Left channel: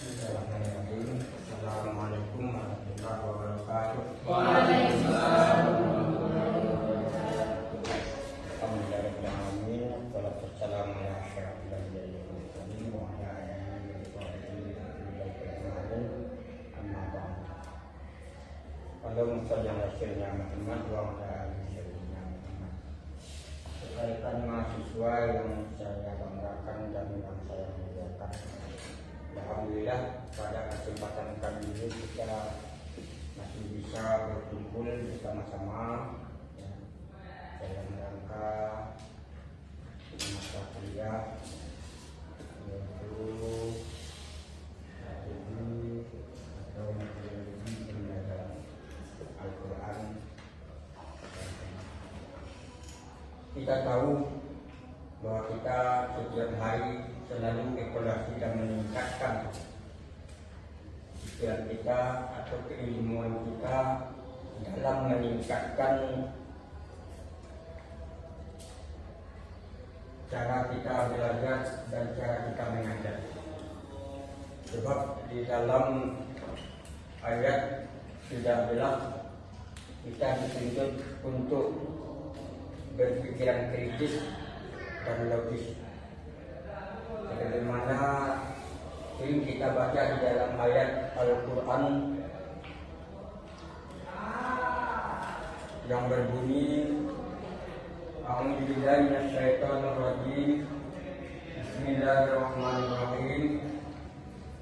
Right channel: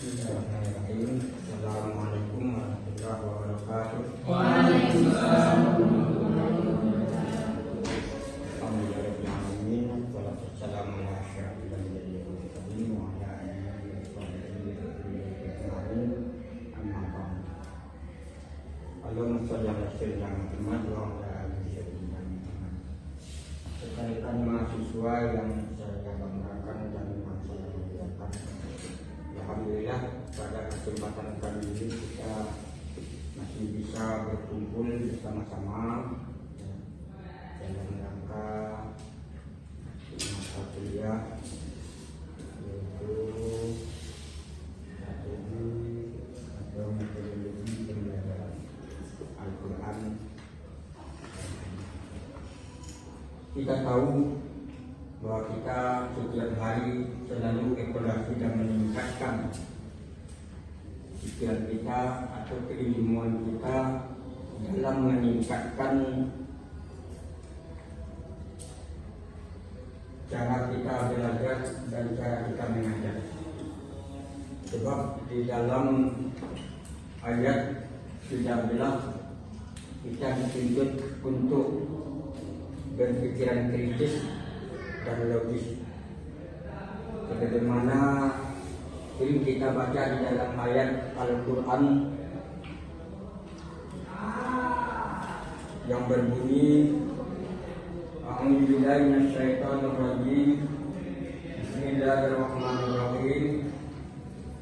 Bismillahirrahmanirrahim. Assalamualaikum warahmatullahi wabarakatuh. Waalaikumsalam. Alhamdulillahirrahmanirrahim. Wassalamu ala asyrafil anbiya'i wal mursalin wa ala alihi wa sahbihi ajma'in. Amma ba'd. Allahumma shalli ala sayyidina Muhammad wa ala ali sayyidina Muhammad. Rekan mahasiswa yang saya banggakan dan yang saya muliakan, alhamdulillah pada kesempatan kali ini kita masih bisa berkumpul bersama-sama ya, dalam rangka mata kuliah yaitu atau metodologi pembelajaran Al-Quran. Kita tahu bahwa kita setiap hari selalu evaluasi dan meningkatkan pikiran kita atau keilmuan kita dalam meningkatkan cara kita belajar dan cara kita mengajar. Sebab di dalam ayat 13 kita dituntut untuk berpikiran kritis dan logis. Sebagaimana ini kita baca di dalam ayat Al-Quran yang berbunyi A'udzubillahi minasyaitonirrajim. Bismillahirrahmanirrahim.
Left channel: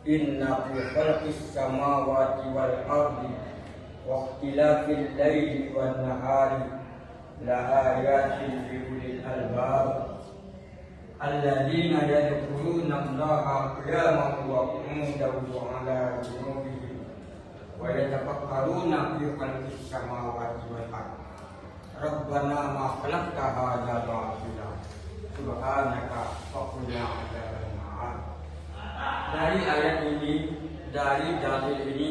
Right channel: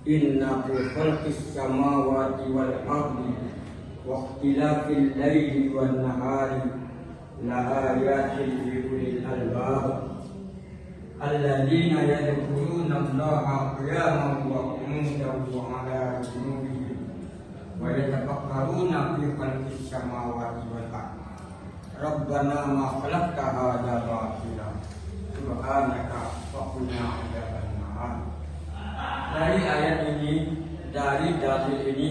Inna fi khalqis samawati wal ardi wa ikhtilafil laili wan nahari la ayatin li ulil albab alladzina yadhkuruna Allaha qiyaman wa qu'udan wa 'ala junubihim wa yatafakkaruna fi khalqis samawati wal ardi Rabbana ma khalaqta hadza batila subhanaka faqina adzabannar. Dari ayat ini, dari dalil ini,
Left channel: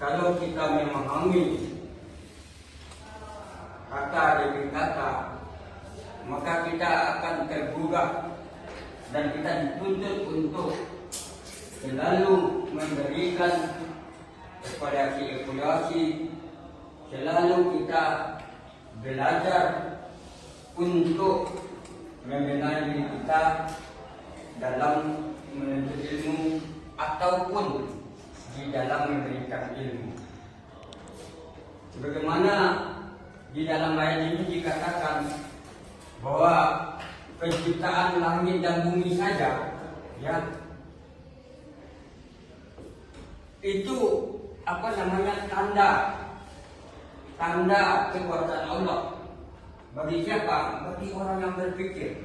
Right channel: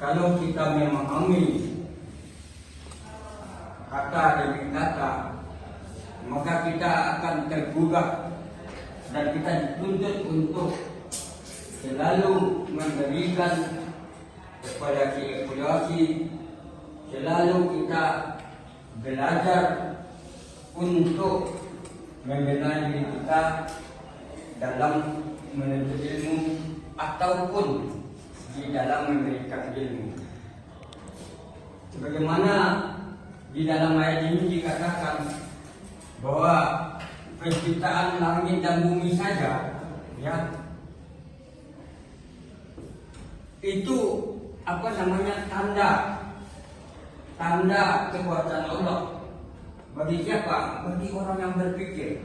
kalau kita memahami kata demi kata, maka kita akan tergugah dan kita dituntut untuk selalu memberikan kepada evaluasi, selalu kita belajar untuk mengenal diri kita dalam menuntut ilmu ataupun di dalam memberikan ilmu. Sebagaimana di dalam ayat ini dikatakan bahwa penciptaan langit dan bumi saja, ya, itu tanda kekuatan Allah. Bagi siapa? Bagi orang yang berpikir.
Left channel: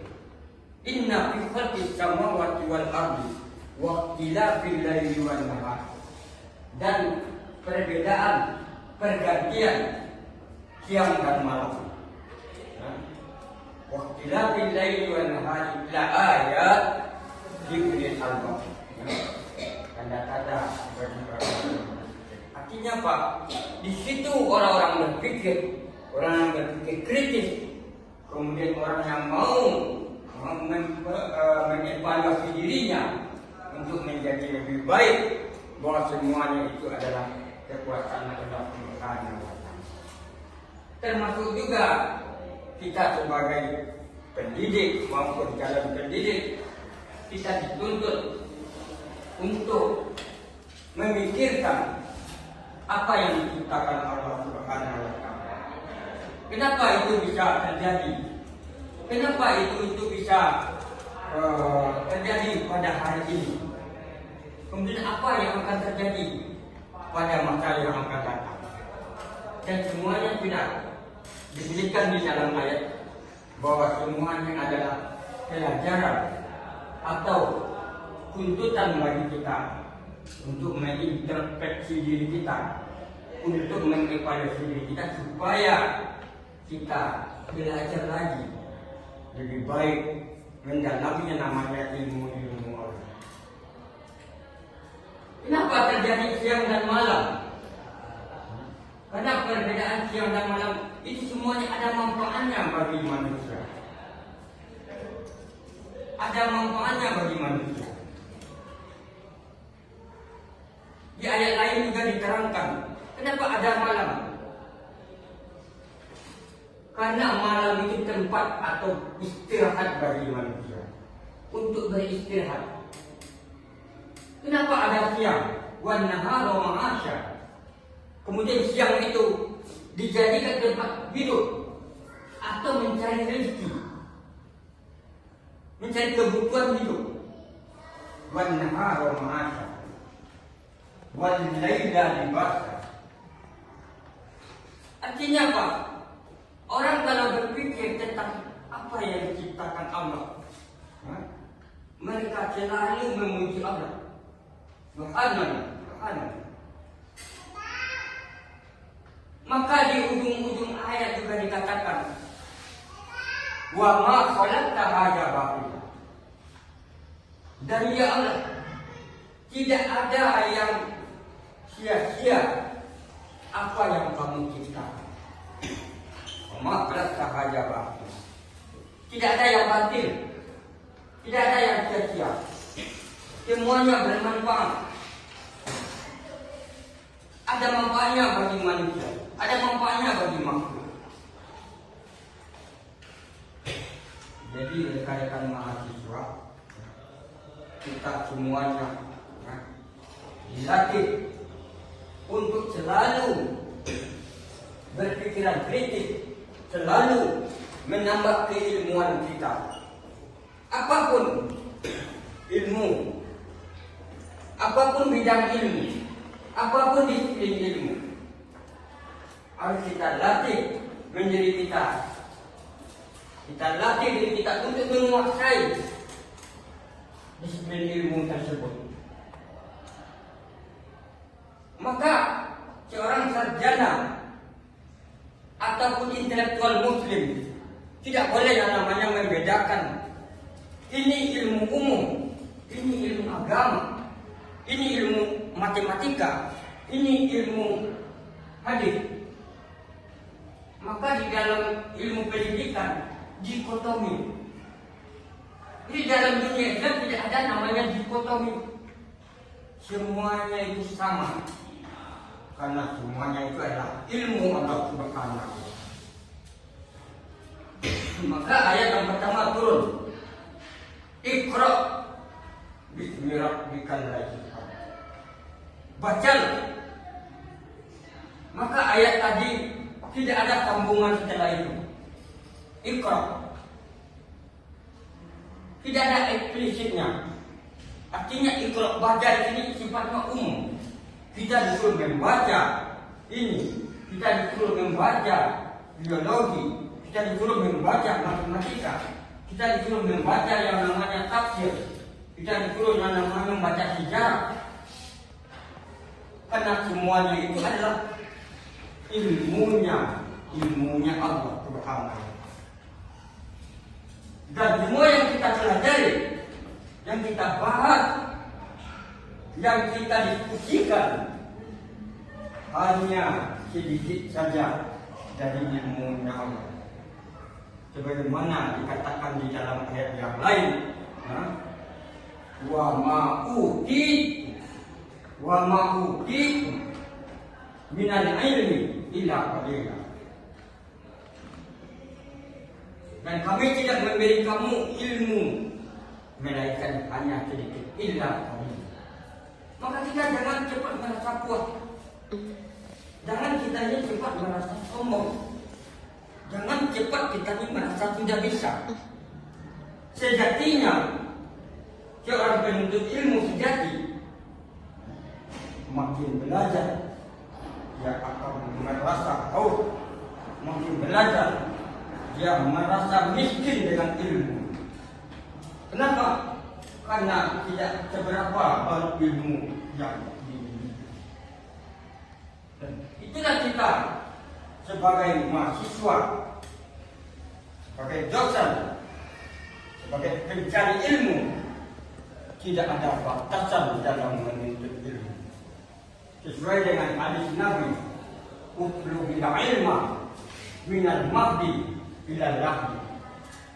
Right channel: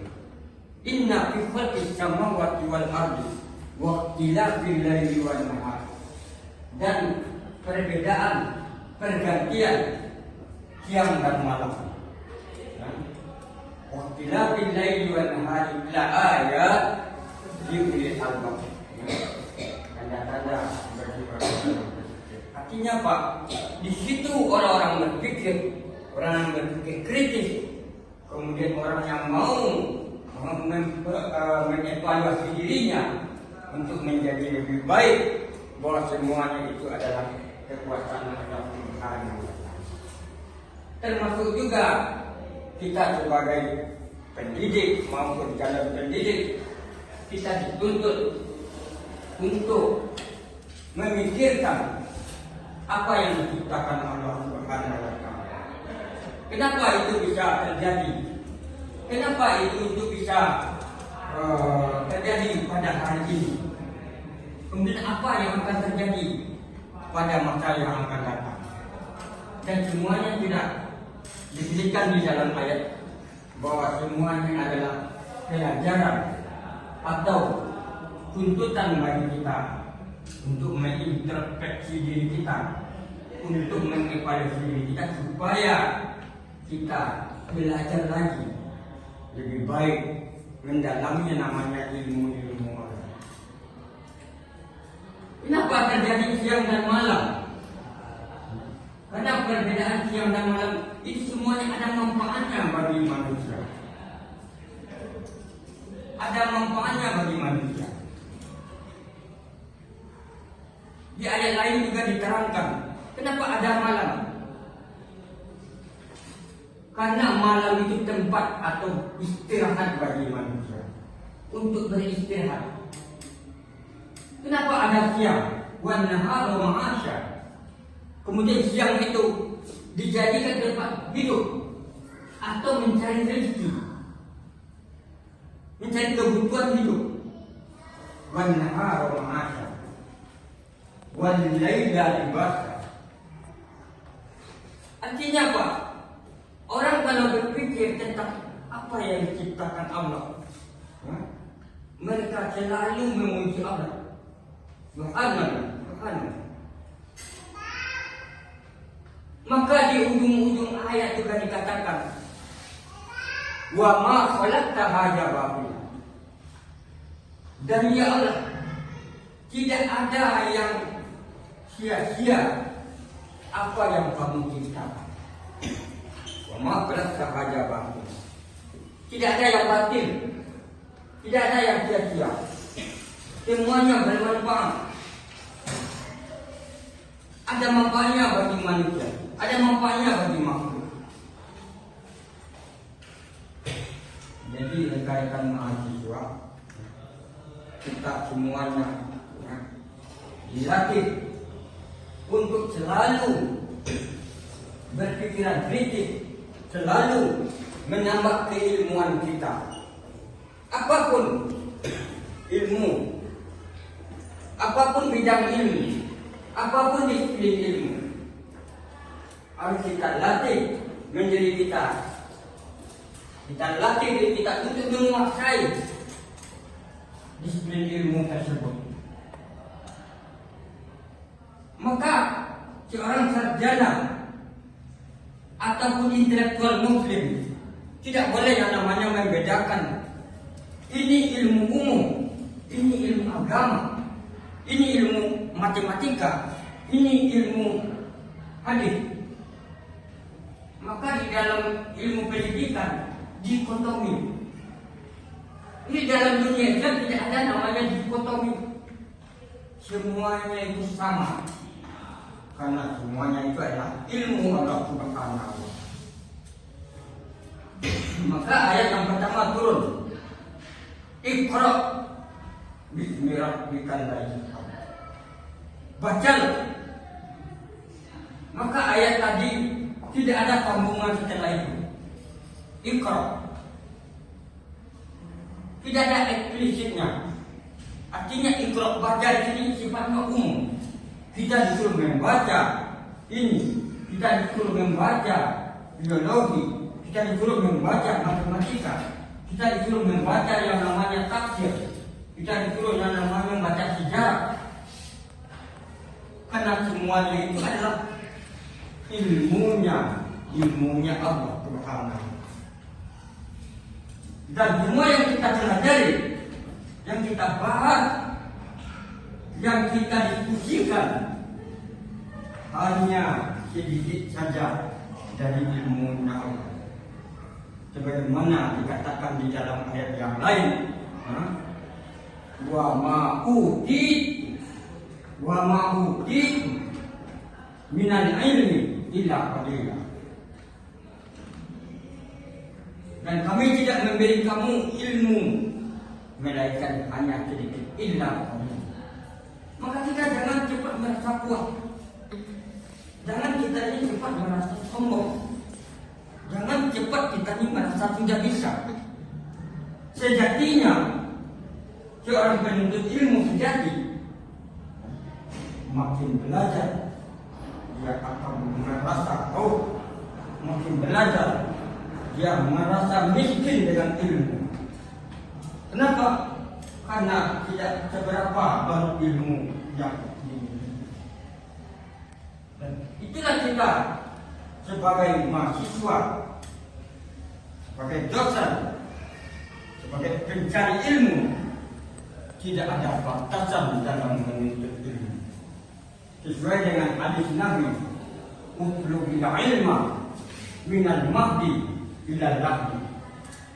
Inna fi khalqis samawati wal ardi wa ikhtilafil laili wan nahar. Dan perbedaan, pergantian siang dan malam. Wa ikhtilafil laili wan nahar la ayat li ulil albab. Tanda-tanda bagi orang. Artinya apa? Di situ orang-orang berpikir, orang yang berpikir kritis, kemudian orang yang mau mengevaluasi dirinya untuk menjadi lebih baik, bahwa semuanya itu adalah kekuatan Allah Subhanahu wa Ta'ala. Termasuk juga kita sebagai pendidik maupun calon pendidik, kita dituntut untuk memikirkan apa yang diciptakan Allah Subhanahu wa Ta'ala. Kenapa itu bisa terjadi? Kenapa itu bisa terjadi pada hari ini? Kemudian apa yang akan terjadi pada masa yang akan datang? Dan semuanya tidak diberikan di dalam ayat bahwa semuanya adalah pelajaran atau tuntutan bagi kita untuk mengintrospeksi diri kita, untuk mengevaluasi diri kita supaya kita belajar lagi lebih baik mendalami namanya ilmu Allah. Kenapa terjadi siang dan malam? Karena perbedaan siang dan malam itu semuanya ada manfaatnya bagi manusia. Ada manfaatnya bagi manusia. Di ayat lain juga diterangkan. Kenapa ada malam? Karena malam itu tempat atau istirahat bagi manusia untuk beristirahat. Kenapa ada siang? Wan nahar wa ma'asya. Kemudian siang itu dijadikan tempat hidup atau mencari rezeki, mencari kebutuhan hidup. Wan nahar wa ma'asya. Wal laila libasa. Artinya apa? Orang kalau berpikir tentang apa yang diciptakan Allah, mereka selalu memuji Allah. Subhanallah. Maka di ujung-ujung ayat juga dikatakan, wa ma khalaqta hadza batila. Dan ya Allah, tidak ada yang sia-sia apa yang kamu ciptakan. Wa ma khalaqta hadza batila. Tidak ada yang batil, tidak ada yang sia-sia. Semuanya bermanfaat. Ada manfaatnya bagi manusia, ada manfaatnya bagi makhluk. Jadi rekan-rekan mahasiswa, kita semuanya dilatih untuk selalu berpikiran kritis, selalu menambah keilmuan kita. Apapun ilmu, apapun bidang ilmu, apapun disiplin ilmu, harus kita latih menjadi kita. Kita latih diri kita untuk menguasai disiplin ilmu tersebut. Maka seorang sarjana ataupun intelektual muslim tidak boleh namanya membedakan ini ilmu umum, ini ilmu agama, ini ilmu matematika, ini ilmu hadis. Maka di dalam ilmu pendidikan dikotomi. Di dalam dunia Islam tidak ada namanya dikotomi. Semuanya itu sama. Karena semuanya itu adalah ilmu Allah Subhanahu wa ta'ala. Maka ayat yang pertama turun. Iqra bismi rabbikal ladzi khalaq. Baca. Maka ayat tadi tidak ada sambungan setelah itu. Iqra. Tidak ada eksplisitnya. Artinya iqra baca ini sifatnya umum. Tidak disuruh membaca ini, tidak disuruh membaca biologi, tidak disuruh membaca matematika, tidak disuruh membaca yang namanya tafsir, tidak disuruh yang namanya membaca sejarah. Karena semuanya itu adalah ilmunya Allah Subhanahu. Dan semua yang kita pelajari, yang kita bahas, yang kita diskusikan hanya sedikit saja dari ilmunya Allah. Sebagaimana dikatakan di dalam ayat yang lain, wa ma'uti minal ilmi illa qalila. Dan kami tidak memberi kamu ilmu melainkan hanya sedikit, illa qalila. Maka kita jangan cepat merasa puas. Jangan kita ini cepat merasa sombong. Jangan cepat kita ini merasa tidak bisa. Sejatinya seorang penuntut ilmu sejati makin belajar dia akan merasa makin belajar dia merasa miskin dengan ilmu. Kenapa? Karena tidak seberapa berilmu yang dimiliki. Itulah kita sebagai mahasiswa, sebagai dosen, sebagai pencari ilmu, tidak ada batasan dalam menuntut ilmu. Sesuai dengan hadis Nabi, "Utlubil ilma minal mahdi ilal lahdi."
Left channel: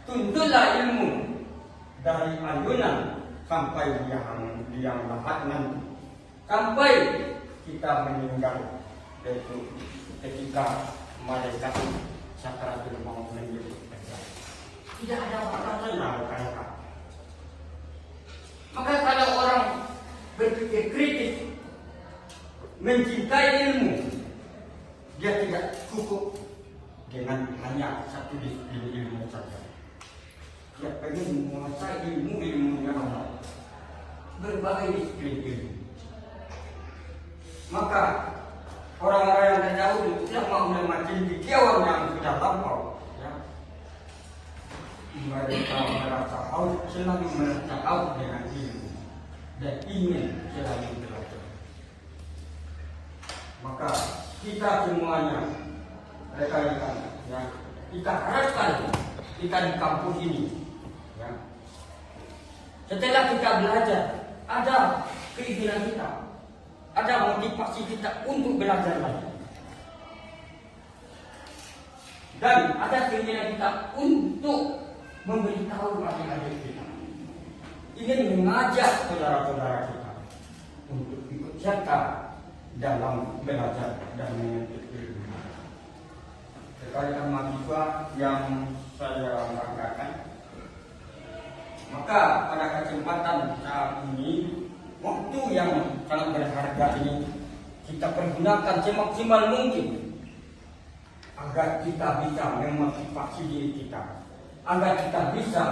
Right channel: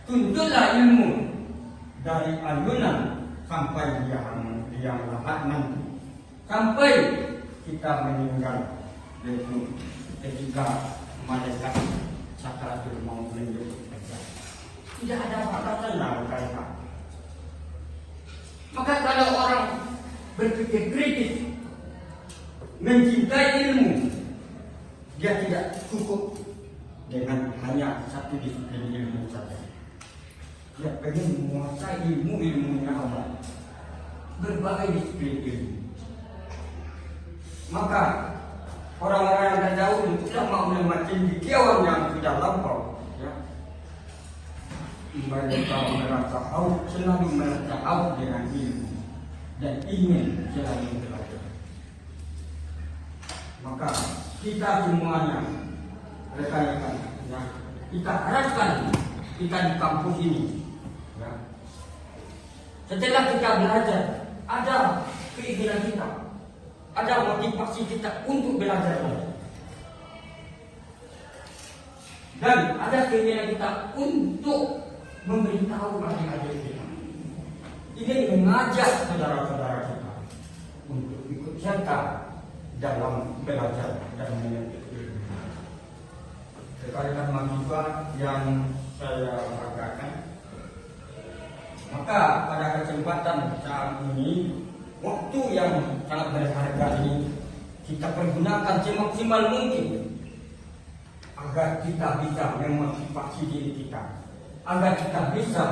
Tuntutlah ilmu dari alunan sampai yang lahat nanti. sampai kita meninggal, yaitu ketika malaikat sakaratul maut menjadi kerja. Tidak ada batasan dalam mereka. Maka kalau orang berpikir kritis, mencintai ilmu, dia tidak cukup dengan hanya satu disiplin ilmu saja. Dia perlu menguasai ilmu yang ada, berbagai disiplin ilmu. Maka orang-orang yang jauh tidak mau melewati pikiran yang sudah lampau, ya. Mereka merasa haus, selalu merasa haus dengan ilmu dan ingin selalu belajar. Maka kita semuanya, rekan-rekan, ya, kita harapkan kita di kampus ini, ya. Setelah kita belajar, ada keinginan kita, ada motivasi kita untuk belajar lagi. Dan ada keinginan kita untuk memberitahu adik-adik kita, ingin mengajak saudara-saudara kita untuk ikut serta dalam belajar dan menuntut ilmu. Sekalian mahasiswa yang saya banggakan, maka pada kesempatan saat ini, waktu yang sangat berharga ini kita pergunakan semaksimal mungkin agar kita bisa memotivasi diri kita, agar kita bisa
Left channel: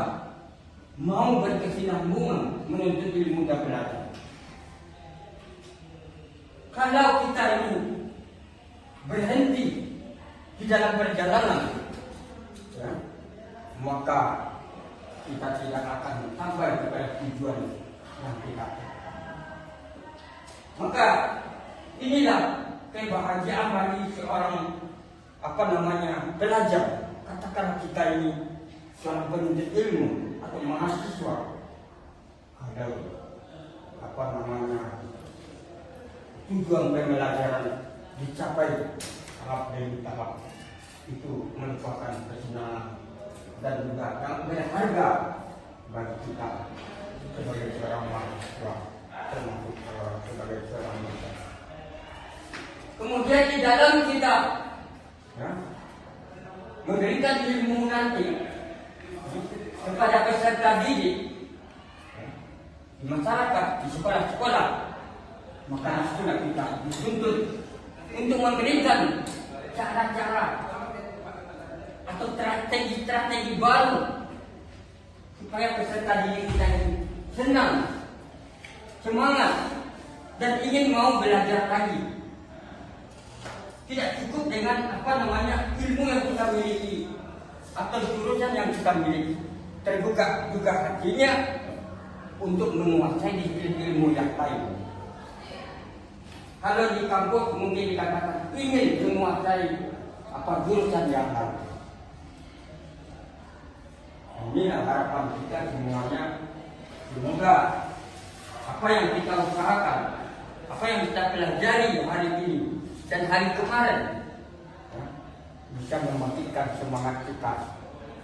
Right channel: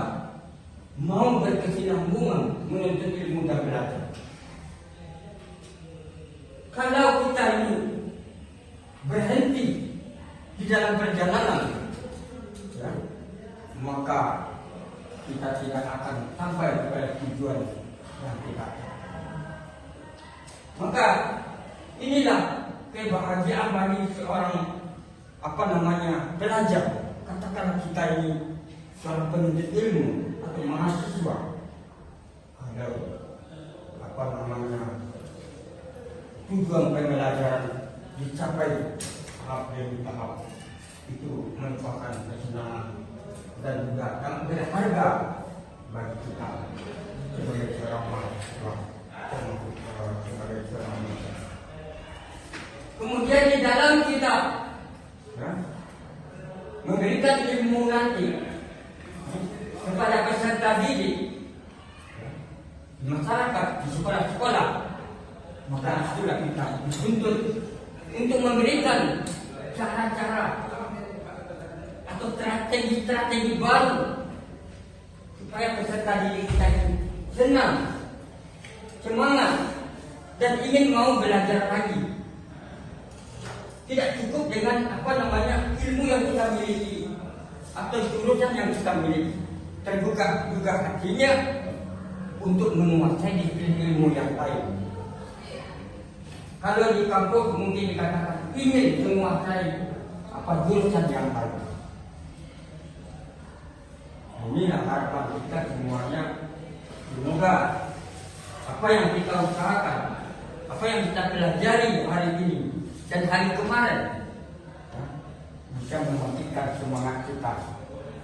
mau berkesinambungan menuntut ilmu dan belajar. Kalau kita ini berhenti di dalam perjalanan, ya, maka kita tidak akan sampai pada tujuan yang kita. Maka inilah kebahagiaan bagi seorang pelajar. Katakan kita ini seorang penuntut ilmu atau mahasiswa, ada tujuan pembelajaran dicapai tahap demi tahap, itu merupakan kesenangan dan juga yang berharga bagi kita sebagai seorang mahasiswa, sebagai seorang mahasiswa. Kemudian di dalam kita, ya, memberikan ilmu nanti kepada peserta didik di masyarakat, di sekolah-sekolah, maka sudah kita dituntut untuk memberikan cara-cara atau strategi-strategi baru supaya peserta didik kita senang, semangat, dan ingin mau belajar lagi. Tidak cukup dengan ilmu yang kita miliki atau jurusan yang kita miliki, terbuka juga hatinya untuk menguasai disiplin ilmu yang lain. Kalau di kampus mungkin dikatakan ingin menguasai jurusan yang lain. Ini harapan kita semuanya. Semoga apa yang kita usahakan, apa yang kita pelajari hari ini dan hari kemarin, bisa membangkitkan semangat kita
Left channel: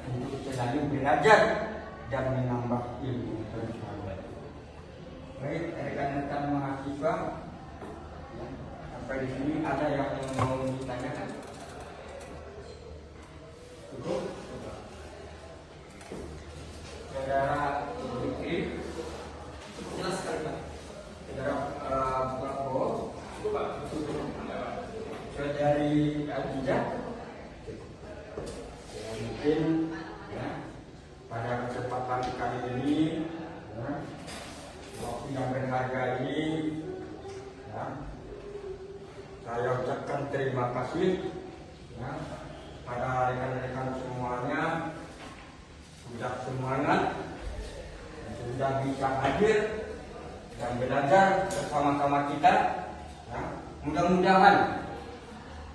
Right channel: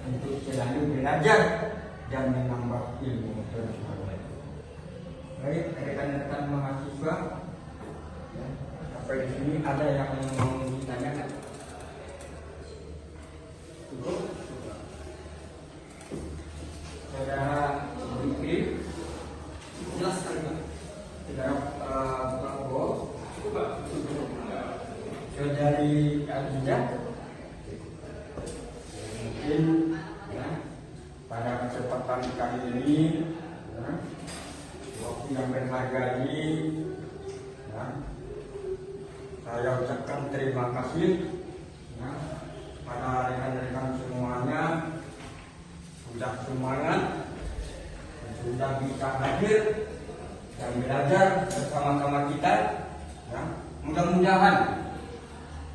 untuk selalu belajar dan menambah ilmu pengetahuan. Baik, rekan-rekan mahasiswa, sampai di sini ada yang mau ditanyakan? Cukup? Saudara Fikri, jelas sekali. Saudara Prabowo, cukup. Saudari Adija, mungkin ya, pada kesempatan kali ini, ya, waktu yang berharga ini, ya, saya ucapkan terima kasih, ya, pada rekan-rekan semuanya, sudah semangat, sudah bisa hadir dan belajar bersama-sama kita, ya. Mudah-mudahan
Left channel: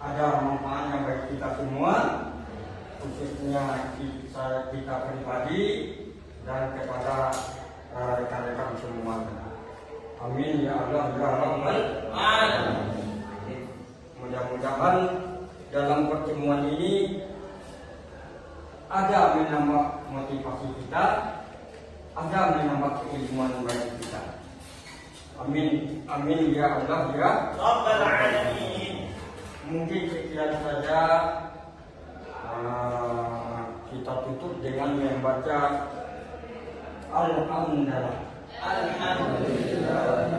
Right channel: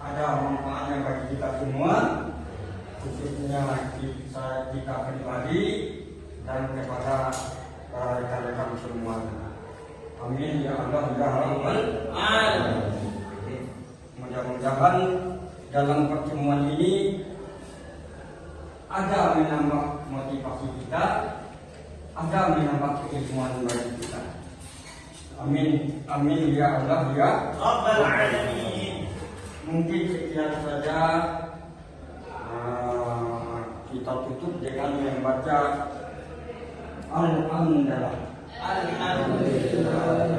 ada manfaatnya bagi kita semua, khususnya kita pribadi dan kepada rekan-rekan semuanya. Amin ya Allah ya Rabbal Alamin. Mudah-mudahan dalam pertemuan ini ada menambah motivasi kita, ada menambah keilmuan bagi kita. Amin, amin ya Allah ya Rabbal Alamin. Mungkin sekian saja, kita tutup dengan membaca Al-Hamdulillah. Alhamdulillah.